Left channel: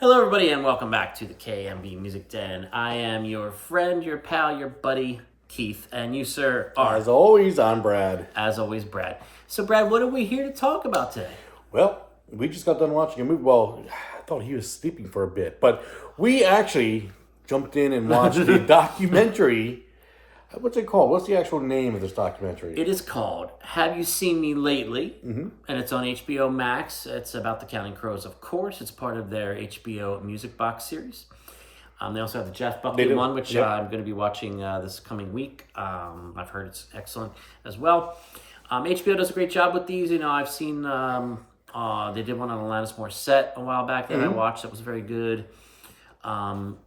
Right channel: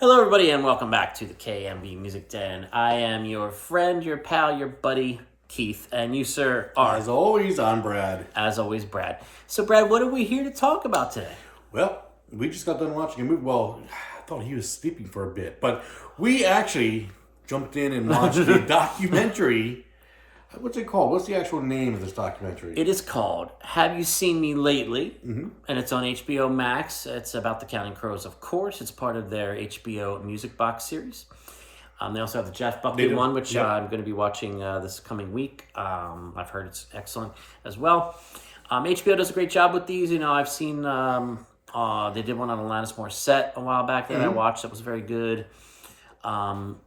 Hello, everybody, and welcome back to the KMB Music Den. I am your friend, your pal, your buddy, Keith, and you, sir, are, As always, I'm Brad. as always, Brad. So, Brad, what are we here to talk about today? Well, we just got done watching a movie. Well, I thought he was sleeping for a bit, but we actually jumped in and watched the documentary. What's it called? What's the actual name of this documentary? It is called Have You Seen Me Lately? Mm-hmm. And it's on HBO Max. It's about the Counting Crows, of course. It's part of their HBO Music Box series. They also have the Jeff Buckley one, which I'm going to be watching this coming week. I've heard it's excellent as well. HBO does a great job with these. You know, I've seen they did one on Alanis Morissette a while back that I watched that was very good.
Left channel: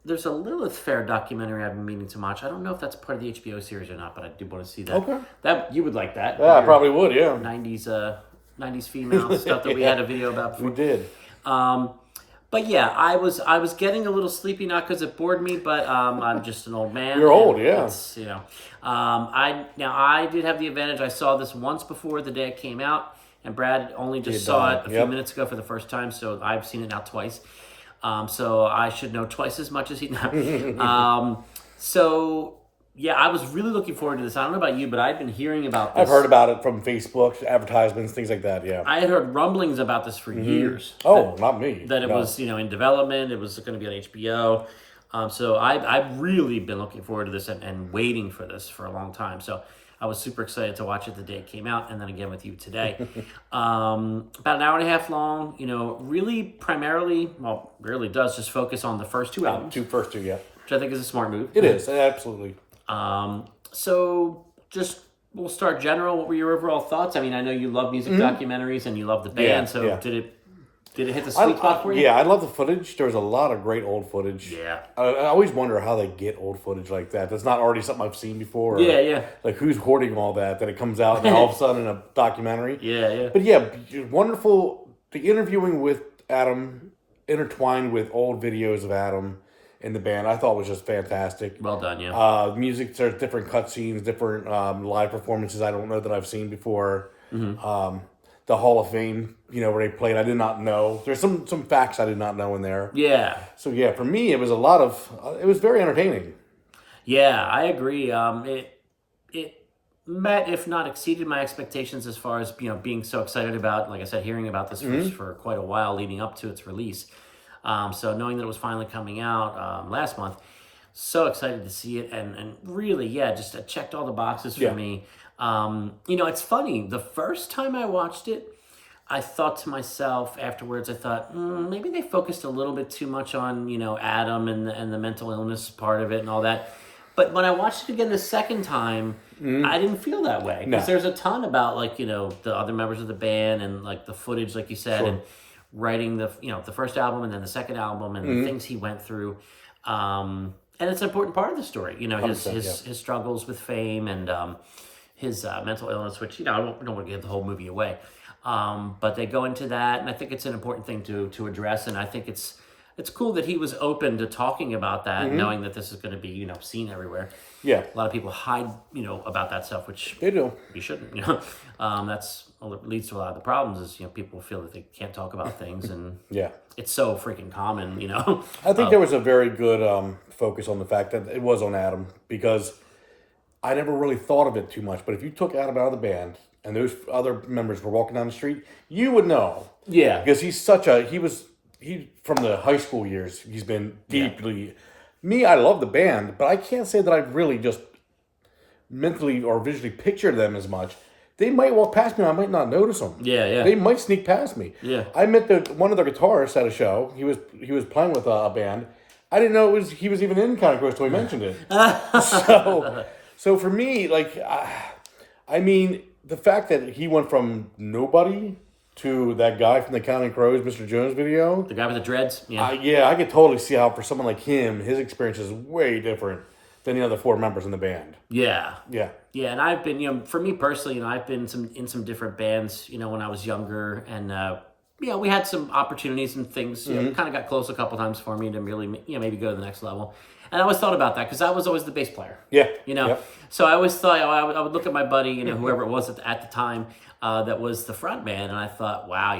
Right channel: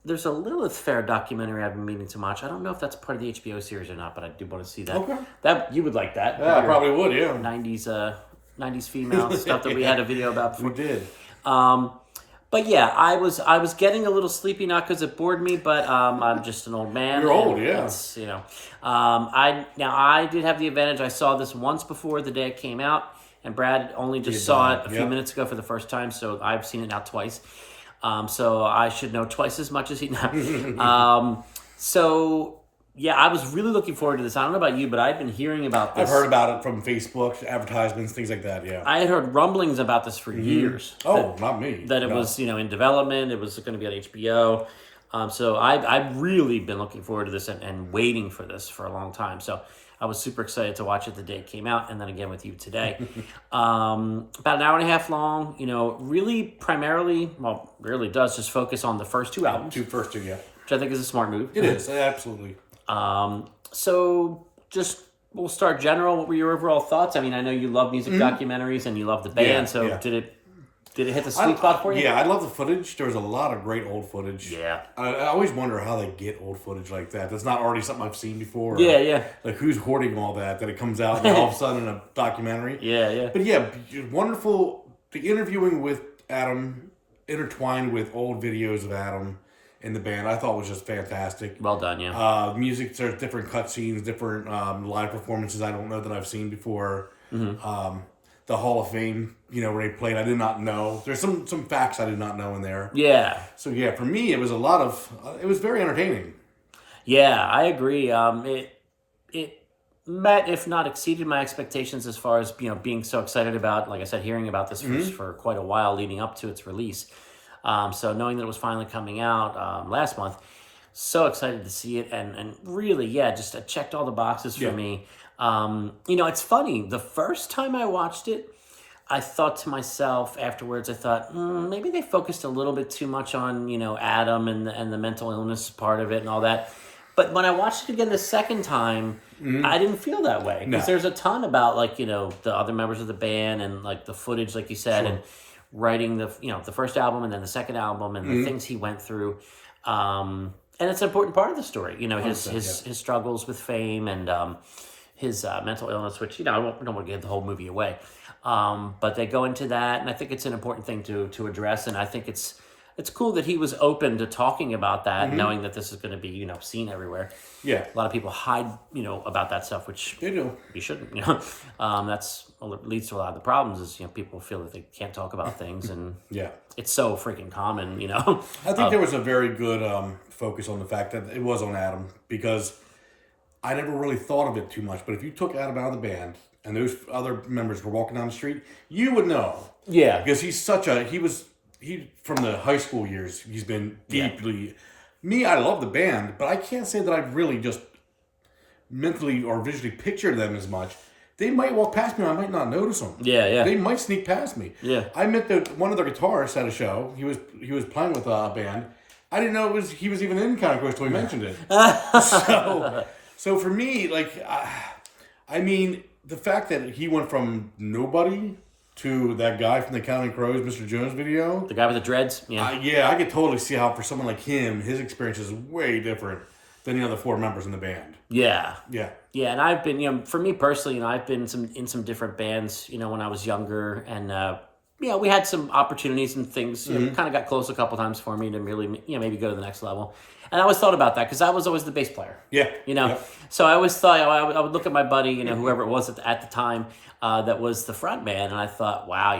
There's a Lilith Fair documentary I've been meaning to watch. I don't know if that's part of the HBO series or not, but I do want to see that. Okay. That you would like that. Yeah, I probably would, yeah. 90s female stuff that we had a video about before. We did. But yeah, I was getting a little sleepy, not because it bored me, but I'm just an old man. You're old, yeah. You know, I did have the advantage. I saw this once before the day it came out, and Brad only just saw it a few minutes ago for the first time, so I've seen it now twice. So I should know twice as much as he knows. So yeah, I was really looking forward to this. I don't know about you, but I've been hearing about this. I've heard about it from Facebook, advertisements, things like that, yeah. I had heard rumblings about this for years. Oh, not me. That it was, in development. It was going to be on HBO. So I've really been looking forward to this and waiting for this for a long time. So I was super excited to watch it the day it came out, and then again with you today. About an hour and a half long, really primarily, really does just focus on the first two albums. First two, yeah. Which I think is a smart move. It is, absolutely. So just, we'll start general. What were your overall thoughts? I mean, I know you love music documentaries and you love the band, did it hit the sweet spot for you? Yeah, I love the footage. There was a lot of great old footage. Yeah. I always wonder how they get old footage like that. That's not already something I've seen before. Yeah. Like, who's hoarding all that it comes out and all of a sudden in a documentary? Yeah. But yeah, wonderful. The interviewing with Adam intertwined with old videos of Adam in the band, I thought was just fantastic. Well done, yeah. Music, there's different cutscenes, different live performances I don't know that I've seen before. Mm-hmm. The Hall of Fame, where they played, I did not know. There's some facts I did not know in there. Yeah. So yeah, for me, it was it was very entertaining. Yeah, I agree. It met, if not exceeded, my expectations as far as, being so excited about, like I said, hearing about this for quite a while leading up to its release. So knowing that it was finally coming out last month, so excited to see it, and really, just it checked all the boxes for me. It's funny. The first time I watched it, I thought to myself afterwards, maybe they focused a little bit too much on, Adam and the mental illness part of it and all that. But when I watched it again the second time, I didn't feel that way. Because there's a ton about, the other members of the band and, the footage, like you said, and writing the first album and then the second album and the things he went through. And it's an important part of the story, his struggles with fame and his mental illness, which, I don't want to give the whole movie away. But they go into that, and I think it's an important thing to address, and I think it's cool that he was open to talking about that, knowing that this is going to be, seen everywhere. Yeah. A lot of people hide, about that stuff, which they do. You shouldn't, that's what leads to a lot of the problems is, people feel that they can't talk about things, and it's so freaking common, I think there was a very good focus on the fact that it was on Adam, because I never really thought of it too much, but if you took Adam out of the band and those other members were walking down the street, you would know. Yeah. Because he's he from the high school years, he's been deeply... Me, I love the band, but I can't say that I've really just mentally or visually pictured them as much. They might walk past me and I might not notice them. Yeah. They might sneak past me. Yeah. I met one of the guitarists at a show. He was playing with a band. I didn't know he was even in Counting Crows until he mentioned it. So for me, the fact that he went from nobody to that guy from the Counting Crows, Mr. Jones video. The guy with the dreads? Yeah. I could totally see how for someone like him, his experience is way different than the other four members in the band. Yeah. Yeah. Yeah, and I've been, for me personally, I've been in some different bands, when I was younger, and, we had some opportunities and things, kind of got close a couple times for me to really, maybe go to the next level. And I always thought about that because I was always the bass player. Yeah. You know, Yep. so I always thought I would look at my buddy, whoever it was at the time that was the front man, and I thought, wow,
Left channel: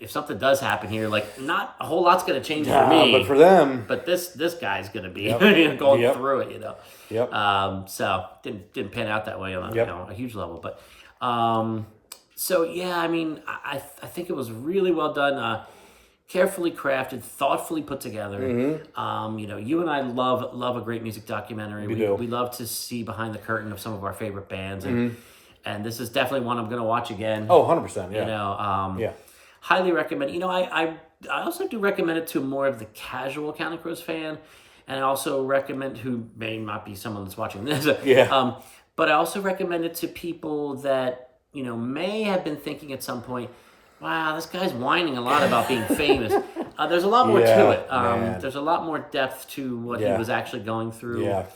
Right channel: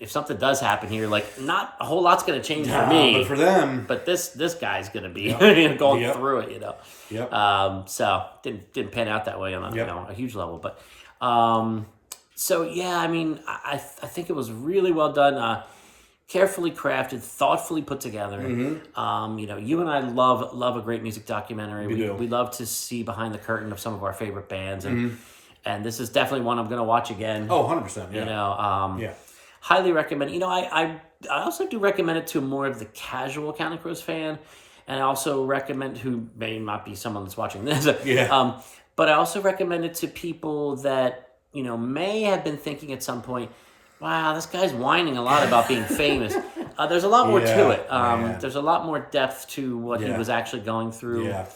if something does happen here, like not a whole lot's going to change for me, but for them, but this guy's going to be Yep. going Yep. through it, Yep. So didn't pan out that way on Yep. a huge level, but so yeah, I mean, I think it was really well done. Carefully crafted, thoughtfully put together. You and I love a great music documentary. We do. We love to see behind the curtain of some of our favorite bands, and this is definitely one I'm going to watch again. Oh, 100%. Yeah. Yeah. Highly recommend. I also do recommend it to more of the casual Counting Crows fan, and I also recommend who may not be someone that's watching this. Yeah. But I also recommend it to people that may have been thinking at some point, wow, this guy's whining a lot about being famous. There's a lot more to it. man. There's a lot more depth to what he Yeah. was actually going through. Yeah.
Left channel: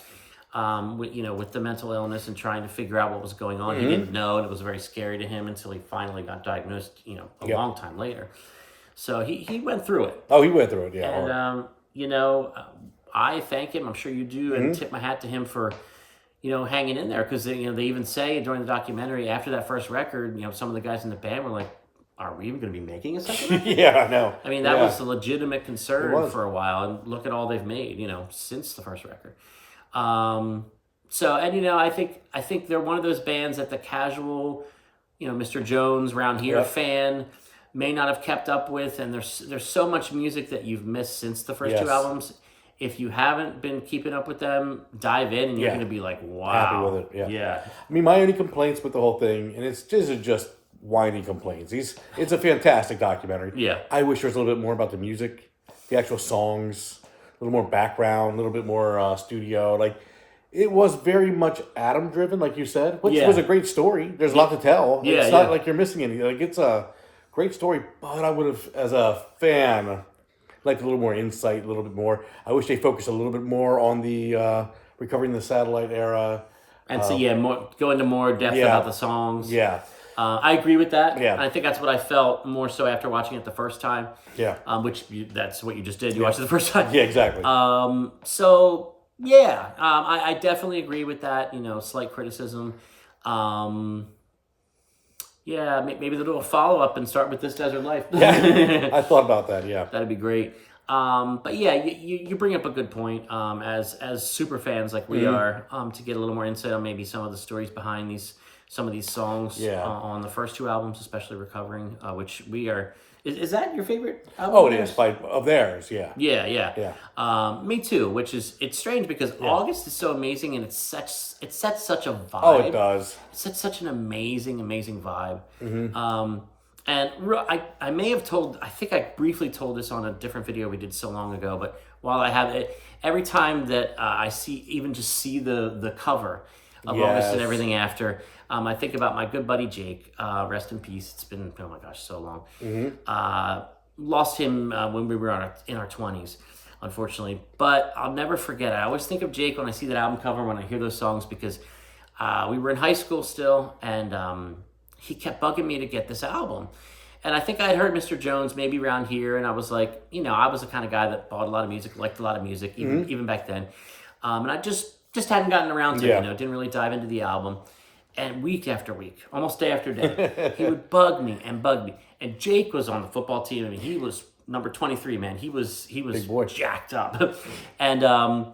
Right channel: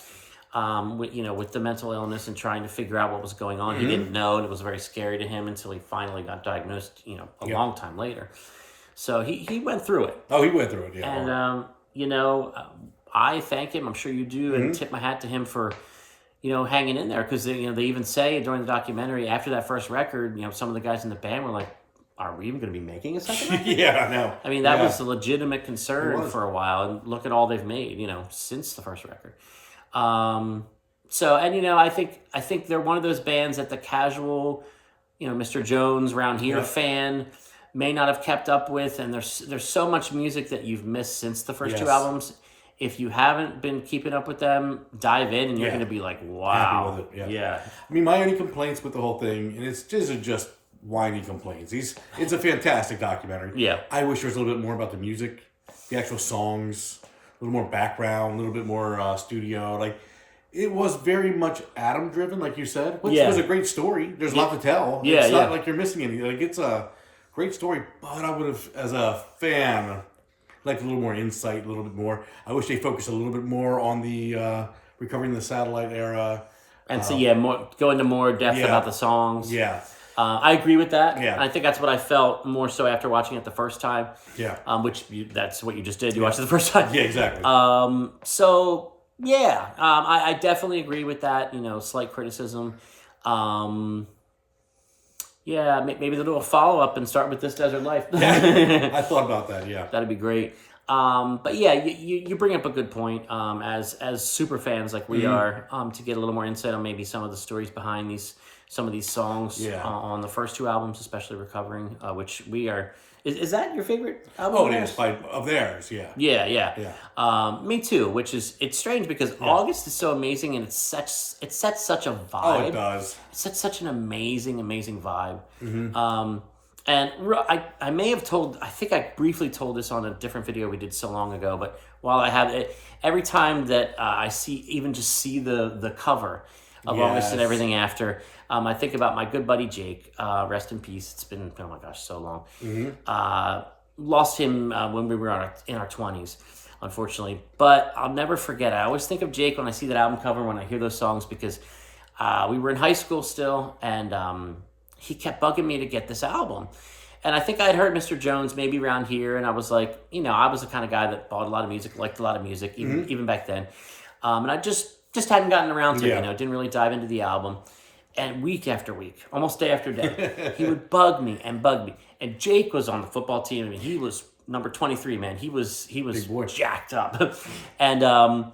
With the mental illness and trying to figure out what was going on. He didn't know, and it was very scary to him until he finally got diagnosed, a long time later. So he went through it. Oh, he went through it. Yeah. And, I thank him. I'm sure you do, and tip my hat to him for, hanging in there. Because, they even say during the documentary, after that first record, some of the guys in the band were like, are we even going to be making a second record? Yeah, I know. I mean, that Yeah. was a legitimate concern was. for a while, and look at all they've made, since the first record. I think they're one of those bands that the casual, Mr. Jones round here Yep. fan may not have kept up with, and there's so much music that you've missed since the first two Yes. albums. If you haven't been keeping up with them, dive in, and you're Yeah. going to be like, wow, with it, yeah. yeah. I mean, my only complaints with the whole thing, and it's just whiny complaints. It's a fantastic documentary. Yeah. I wish there was a little bit more about the music, the actual songs, a little more background, a little bit more studio. Like, it was very much Adam driven, like you said, which Yeah. was a great story. There's a lot to tell. Yeah, it's not yeah. like you're missing anything. Like, it's a great story, but I would have, as a fan, liked a little more insight, a little bit more. I wish they focused a little bit more on the recovering the satellite era. And so, go into more depth yeah. about the songs. Yeah. I agree with that. Yeah. I think that's what I felt more so after watching it the first time. Yeah. That's what you just did. You watched it the first time. Yeah, exactly. I definitely agree with that. Slight criticism. Maybe they'll do a follow up and start with This Desert Life. I thought about that, yeah. That'd be great. But yeah, you bring up a good point. As super fans like we are, to get a little more insight on maybe some of the stories behind some of these songs Yeah. on the first two albums, especially Recovering, which we are. Is that your favorite album? Oh, of yes, theirs? of theirs, yeah. Yeah. Me too. It's strange because August is so amazing, and it sets such a vibe. Oh, it does. It sets such an amazing vibe. Mm-hmm. I may have I think I briefly told this on a different video we did so long ago, but while I have it, every time that I see the cover of August and Yes. everything after, I think about my good buddy Jake, rest in peace. It's been, oh my gosh, so long. Lost him when we were in our 20s, unfortunately. But I'll never forget. I always think of Jake when I see that album cover, when I hear those songs, because we were in high school still, and he kept bugging me to get this album. And I think I had heard Mr. Jones maybe around here, and I was like, I was the kind of guy that bought a lot of music, liked a lot of music, even back then. And I just hadn't gotten around to it, didn't really dive into the album. And week after week, almost day after day, he would bug me. And Jake was on the football team. I mean, he was number 23, man. He was jacked up. And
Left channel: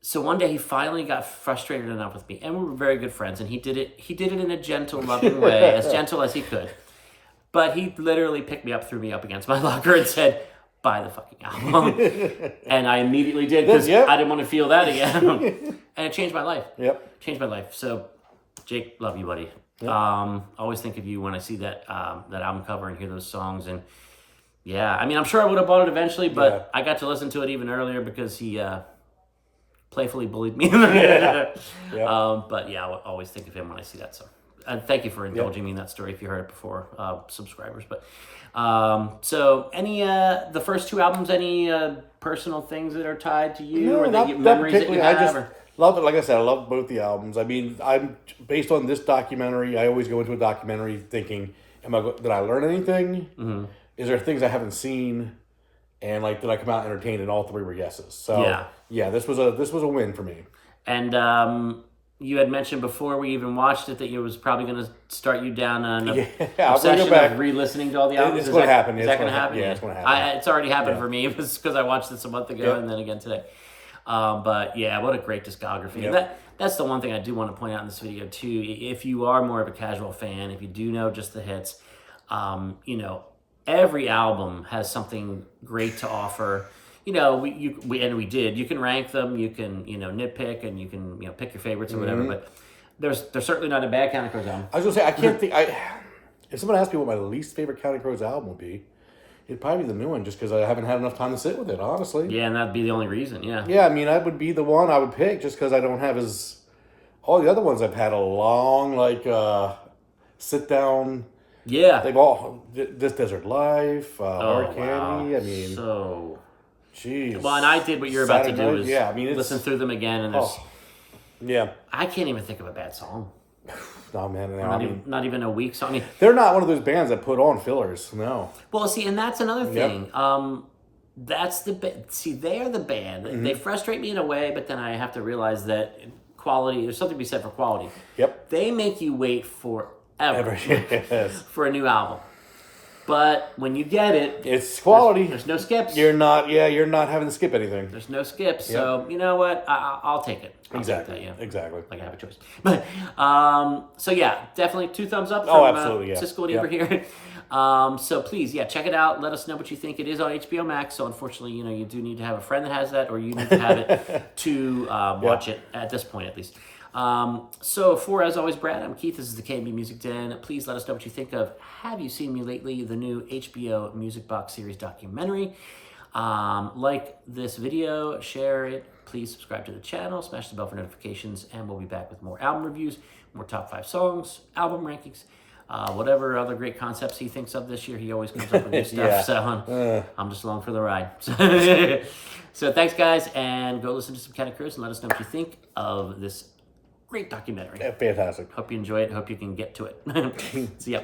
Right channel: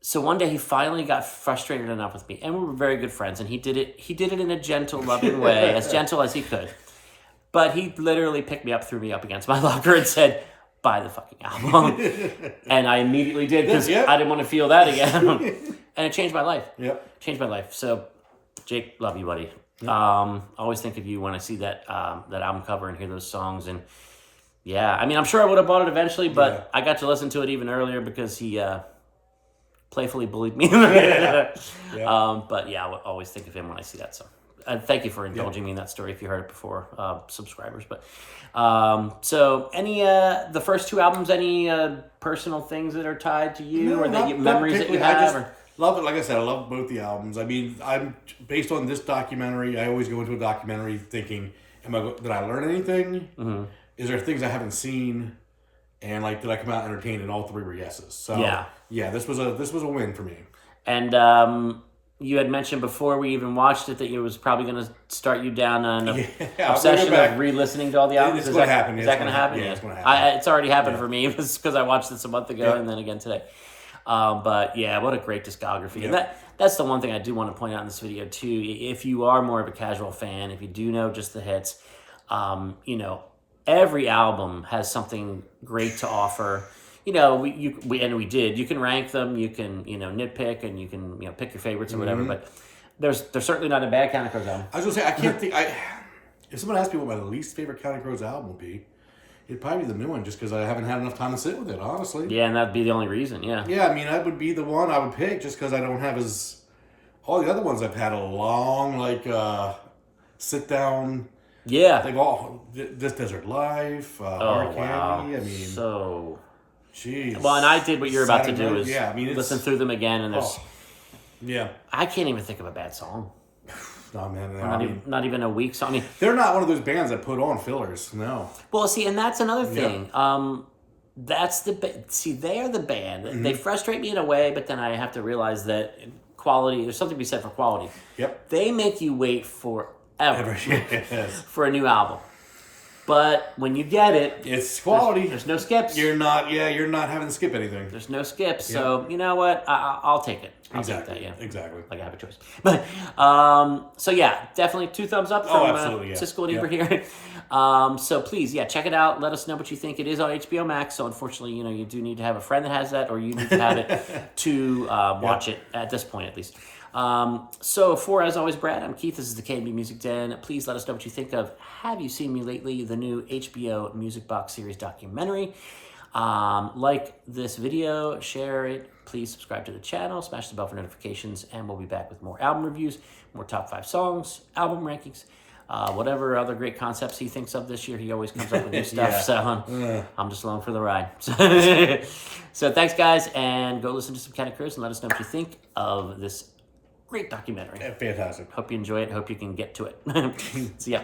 so one day he finally got frustrated enough with me, and we were very good friends. And he did it in a gentle, loving way, as gentle as he could. But he literally picked me up, threw me up against my locker, and said, "Buy the fucking album." And I immediately did, because I didn't want to feel that again. And it changed my life. Yep. Changed my life. So, Jake, love you, buddy. Yep. I always think of you when I see that album cover and hear those songs. And yeah, I mean, I'm sure I would have bought it eventually, but I got to listen to it even earlier because he playfully bullied me. But yeah, I always think of him when I see that. So thank you for indulging me in that story if you heard it before, subscribers. But so any the first two albums, any personal things that are tied to you, or memories that you have? Or? Love it. Like I said, I love both the albums. I mean, I'm based on this documentary. I always go into a documentary thinking, did I learn anything? Mm-hmm. Is there things I haven't seen and like did I come out entertained? And all three were yeses. So Yeah. this was a win for me. And you had mentioned before we even watched it that it was probably going to start you down an obsession of re-listening to all the albums. It's going to happen. Is that going to happen? Yeah, it's going to happen. It's already happened for me. It was because I watched this a month ago and then again today. But yeah, what a great discography. And that's the one thing I do want to point out in this video too. If you are more of a casual fan, if you do know just the hits, you know, every album has something great to offer. You know, we did. You can rank them, you can, you know, nitpick, and you can, you know, pick your favorites or whatever. But there's certainly not a bad Counting Crows album. I was gonna say I can't think. If someone asked me what my least favorite Counting Crows album would be, it'd probably be the new one, just because I haven't had enough time to sit with it. Honestly. Yeah, and that'd be the only reason. Yeah. Yeah, I mean, that would be the one I would pick, just because I don't have as all the other ones. I've had a long sit down. Yeah. Like all This Desert Life. R. Kelly. Wow. I mean, So. Jeez. Well, and I did what you're about to do is I mean, listen through them again, and there's I can't even think of a bad song. No, man, Not even a weak song. I mean, they're not one of those bands that put on fillers. No. well, see, and that's another thing. That's they are the band. They frustrate me in a way, but then I have to realize that quality. There's something to be said for quality. Yep. They make you wait forever Yes. for a new album. But when you get it, It's quality. There's no skips. You're not having to skip anything. There's no skips. So you know what? I'll take it. I'll Exactly. take that. Yeah. Exactly. Like I have a choice. But so yeah, definitely 2 thumbs up from absolutely, Siskel and Ebert here. So please, check it out. Let us know what you think. It is on HBO Max, so unfortunately, you know, you do need to have a friend that has that, or you need to have it to watch it at this point, at least. So for, as always, Brad, I'm Keith. This is the KB Music Den. Please let us know what you think of Have You Seen Me Lately, the new HBO Music Box Series documentary. Like this video, share it. Please subscribe to the channel, smash the bell for notifications, and we'll be back with more album reviews, more top 5 songs, album rankings, whatever other great concepts he thinks of this year. He always comes up with new stuff, so I'm just along for the ride. So thanks, guys, and go listen to some Counting Crows and let us know what you think of this great documentary. Fantastic. Hope you enjoy it. Hope you can get to it. See ya.